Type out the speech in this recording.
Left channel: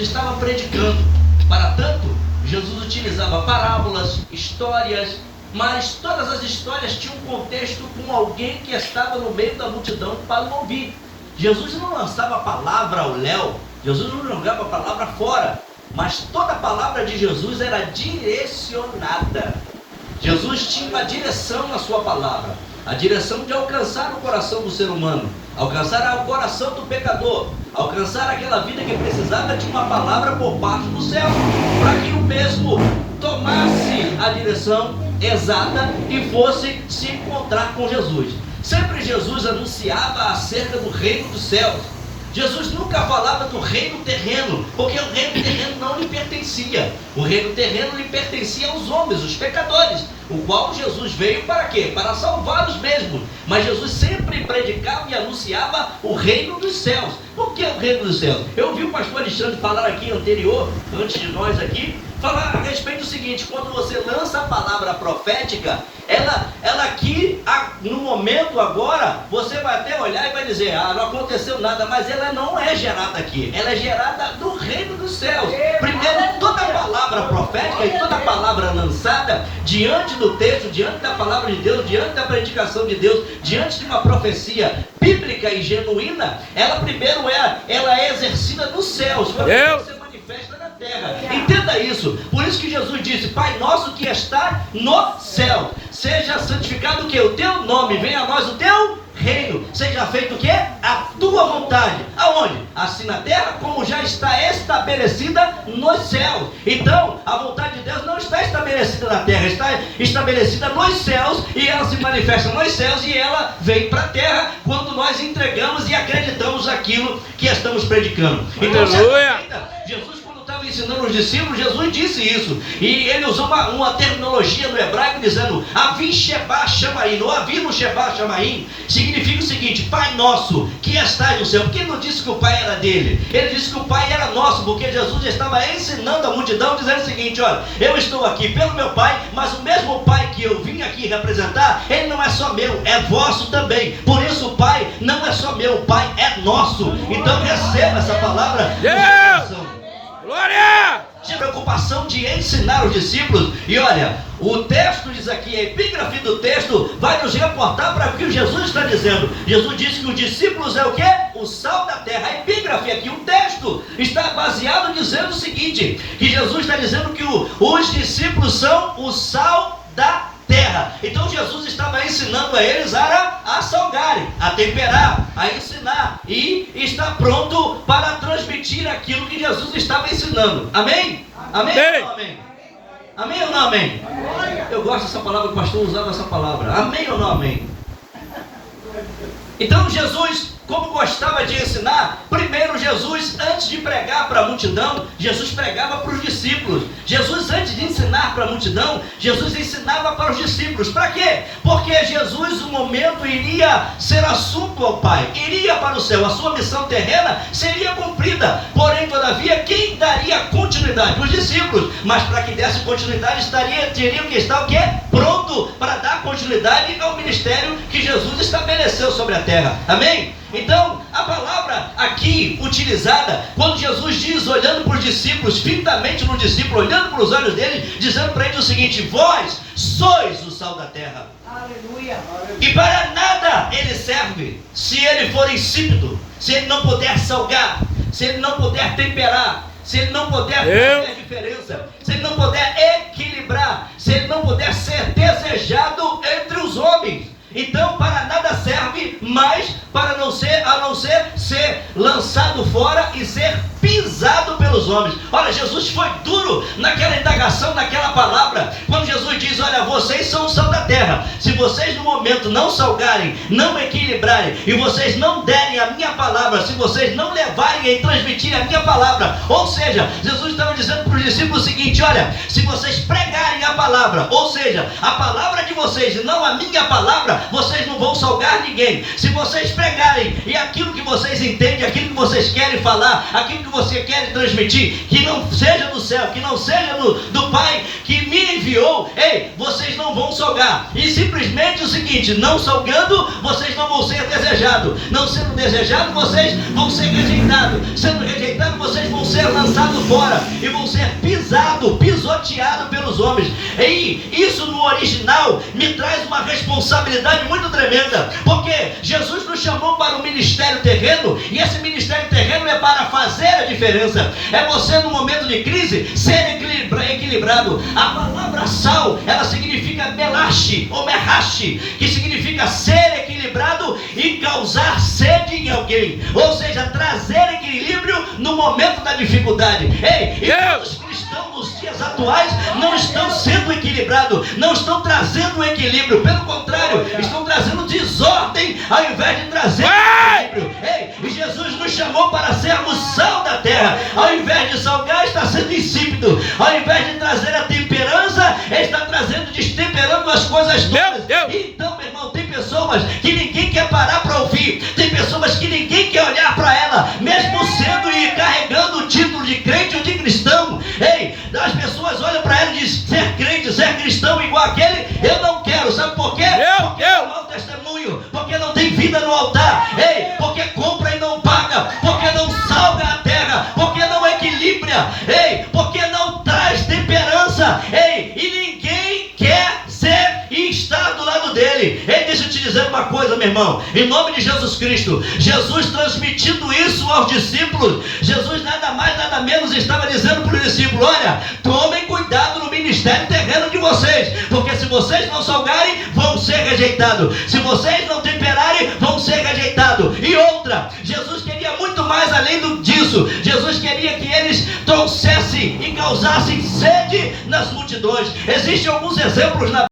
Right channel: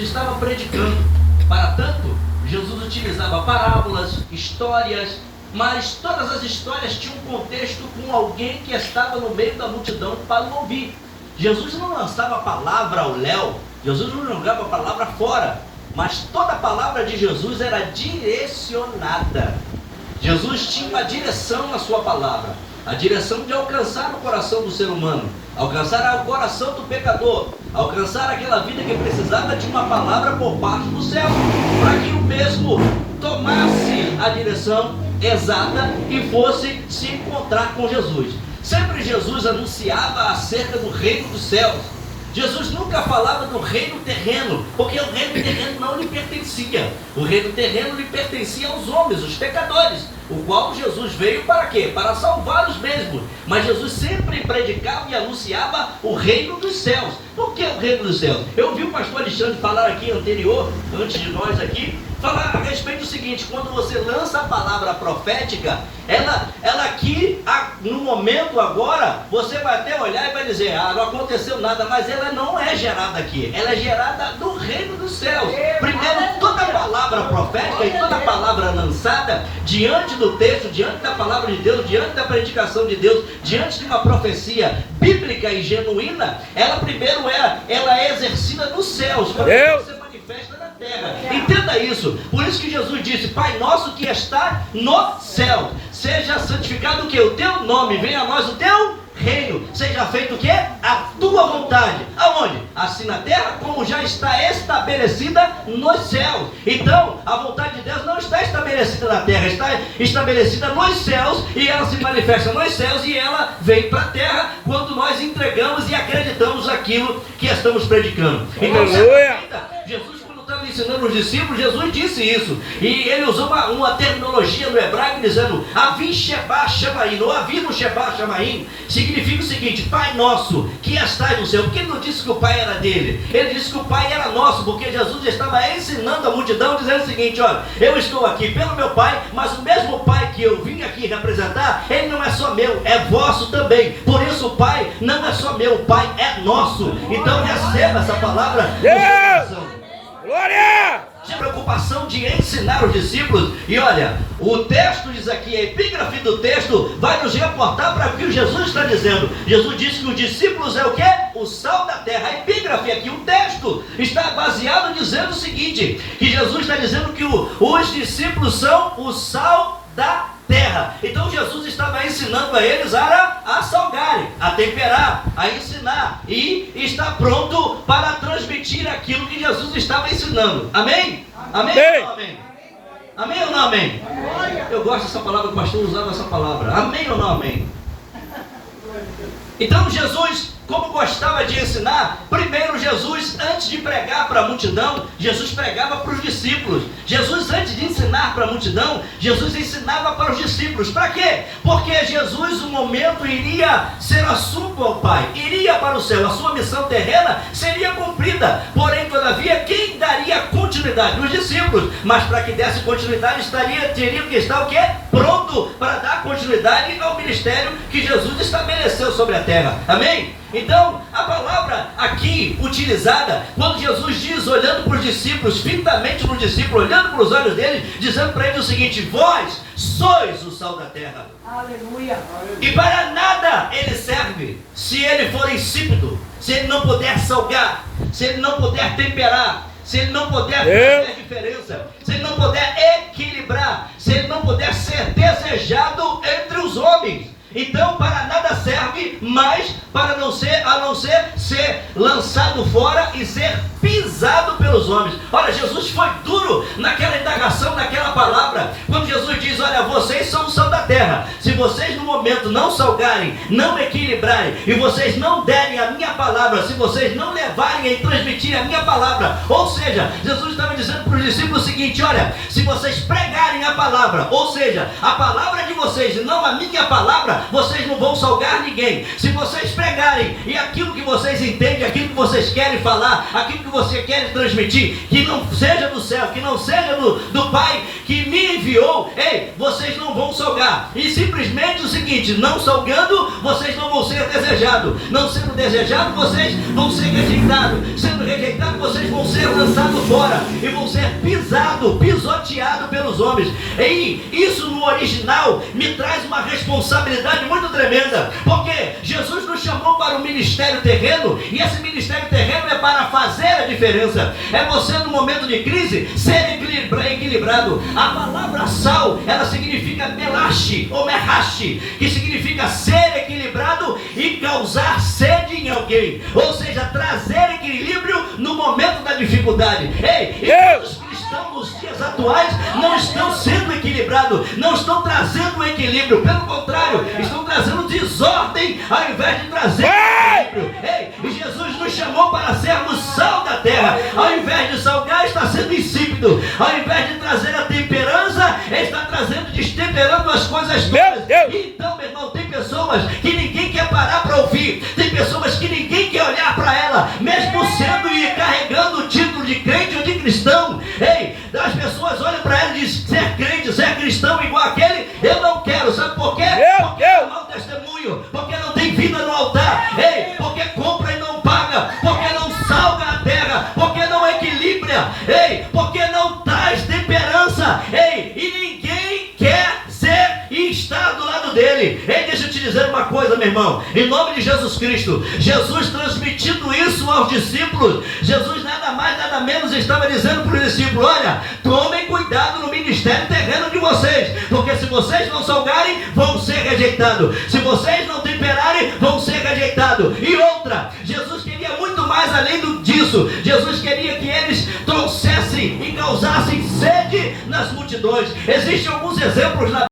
estava predicando. Para tanto, Jesus utilizava parábolas, histórias, mas todas as histórias tinham um contexto com alguém que estava no meio da multidão para o ouvir. Jesus não lançava a palavra ao léu, Jesus não jogava a palavra fora, mas toda a palavra de Jesus era direcionada. Jesus tinha uma direção na sua palavra, a direção de alcançar o coração do ser humano, alcançar o coração do pecador, alcançar aquela vida que precisava de uma palavra por parte do céu, para que o mesmo tomasse a direção exata e fosse se encontrar com Jesus. Sempre Jesus anunciava acerca do reino dos céus. Jesus nunca falava do reino terreno, porque o reino terreno não lhe pertencia. O reino terreno lhe pertencia aos homens, os pecadores, o qual Jesus veio para quê? Para salvá-los mesmo. Mas Jesus sempre predicava e anunciava o reino dos céus. Por que o reino dos céus? Eu vi o pastor Alexandre falar aqui anterior, antes de nós aqui, falar a respeito do seguinte: quando você lança a palavra profética, ela aqui, no momento agora, você vai até olhar e vai dizer, não aconteceu nada, mas ela não é gerada aqui, ela é gerada no reino dos céus. Primeiro, toda a palavra profética e toda a palavra lançada diante do texto, diante da palavra de Deus, diante da predicação de Deus, diante de uma profecia bíblica e genuína, ela primeiro ela é exercida nos céus, para que você manifesta na terra. Entenda isso. Por isso que Jesus disse: Pai nosso que está no céu, seja santificado o que? O teu nome, venha a nós o teu reino, seja feito o que? A tua vontade. Aonde? Assim na terra como já está estabelecida nos céus. Então, a vontade de Deus não está estabelecida na terra, está estabelecida nos céus, e ela se manifesta nos céus, e ela vem para a terra quando nós entregamos e acreditamos aquilo que estamos predicando. Então, Jesus, estava ensinando os discípulos, Jesus disse isso, e ele usou uma terminologia no hebraico dizendo Avi Sheba Shamaim, ou Avinu Sheba Shamaim, significa o seguinte: Pai nosso que estás no céu. Porque ele não disse que o Pai era dele, ele disse que o Pai era nosso, porque Jesus estava ensinando a multidão, dizendo o seguinte: olha, eu estou aqui pelo meu Pai, mas o mesmo Pai que eu vim aqui representar, ele não é só meu, é vosso também. Por isso o Pai não é só meu, o Pai é nosso. Então receba essa palavra. Glória! Tinha preocupação de ensinar os discípulos. E olha, o texto diz aqui, a epígrafe do texto vai nos reportar para o que Jesus está dizendo. Jesus disse que os discípulos é o quê? O sal da terra. A epígrafe aqui, o texto está baseado dizendo o seguinte: que Jesus está dizendo que os discípulos são o sal da terra. Então Jesus estava ensinando a eles a salgarem, a temperar, a ensinar, e está pronto para transmitir aquilo que Jesus estava ensinando. Amém? Amém? Ou não amém? Amém ou não amém? Eu gosto dessa palavra, o pastor usava essa palavra. Amém ou não amém? Então Jesus, como gostava de ensinar, primeiro Jesus, antes de pregar para a multidão, Jesus pregava para os discípulos. Jesus, antes de ensinar para a multidão, Jesus ensinava para os discípulos. Para quê? Porque Jesus, no momento, iria ser assunto ao Pai, iria para o céu, a sua missão terrena seria cumprida. Porém, todavia, quem daria continuidade? Os discípulos. Mas para que desse continuidade, teriam que estar o quê? Pronto para dar continuidade ao ministério que Jesus estabeleceu sobre a terra. Amém? Então, a palavra aqui utilizada, quando Jesus diz, olhando para os discípulos, fitamente no discípulo, olhando para os olhos dele, dizendo para ele o seguinte: vós sois o sal da terra. Aleluia. E para nada ele serve se ele for insípido, se ele não puder salgar, se ele não puder temperar, se ele não puder fazer diferença, se ele não puder equilibrar, se ele não puder ser desejado entre os homens. Então, para nada serve mais a não ser ser lançado fora e ser pisado pelos homens. Olha, Jesus foi duro naquela indagação, naquela palavra, quando Jesus diz: olha, vocês são o sal da terra. Se vocês no momento não salgarem, não equilibrarem, e vocês não derem a minha palavra, se vocês não levarem e transmitirem a minha palavra, ou seja, Jesus estava dizendo para os discípulos o seguinte: olha, se vocês pregarem a palavra, ou seja, a palavra de vocês e não a minha palavra, vocês não vão salgar ninguém. Se vocês pregarem e aquilo que vocês entendem, aquilo que vocês querem falar, aquilo que você quer transmitir, transmitir, que não seja do céu, que não seja do Pai que me enviou, ei, vocês não vão salgar. E simplesmente o seguinte: não salgando, vocês não vão ser desejados. Não sendo desejados, vocês vão ser rejeitados. Sendo rejeitados, vocês vão ser lançados fora e vão ser pisoteados pelos homens. E isso no original me traz uma responsabilidade muito tremenda, porque Jesus nos chamou para o ministério terreno, e esse ministério terreno é para fazer a diferença. É você, no momento de crise, ser equilibrado. A palavra sal, ela significa melache ou merrache, que significa ser equilibrado e causar sede em alguém, ou seja, trazer equilíbrio no momento da dificuldade. Ei, e os cristãos nos dias atuais não estão sendo equilibrados, não estão trazendo equilíbrio, pelo contrário, estão trazendo desordem ao invés de trazer equilíbrio. Ei, e Jesus nos chamou para sermos sal da terra. Ao invés de salgar, está sendo insípido. Ao invés de trazer a temperança, está trazendo, destemperando as coisas todas. Então, meu irmão, tem pessoas que ninguém quer parar para ouvir, tem pessoas que ninguém quer olhar para ela, mesmo sendo e carregando o título de crente ou de cristão. Ei, as pessoas olham para ela e dizem: ser crente, ser cristão igual aquele, eu não quero. Sabe por quê? Porque não dá testemunho, porque não tem vida no altar. Ei, porque compra e não paga, porque não salga a terra, porque não equilibra. Ei, porque não traz temperança. Ei, e ninguém quer ser e estar do lado dele. Ei, deixa eu te dizer uma coisa, meu irmão, em nome de Jesus Cristo, Jesus transmitindo isso aos discípulos, Jesus nada mais, nada menos estava dizendo para os discípulos: olha, tomem cuidado no ministério terreno de vocês, porque se vocês não salgarem, vão ser rejeitados. Se vocês não temperarem, vão ser rejeitados. E outra, Jesus queria muito mais além disso. Jesus queria que eles trouxessem e causassem sede nas multidões. Existem alguns exemplos na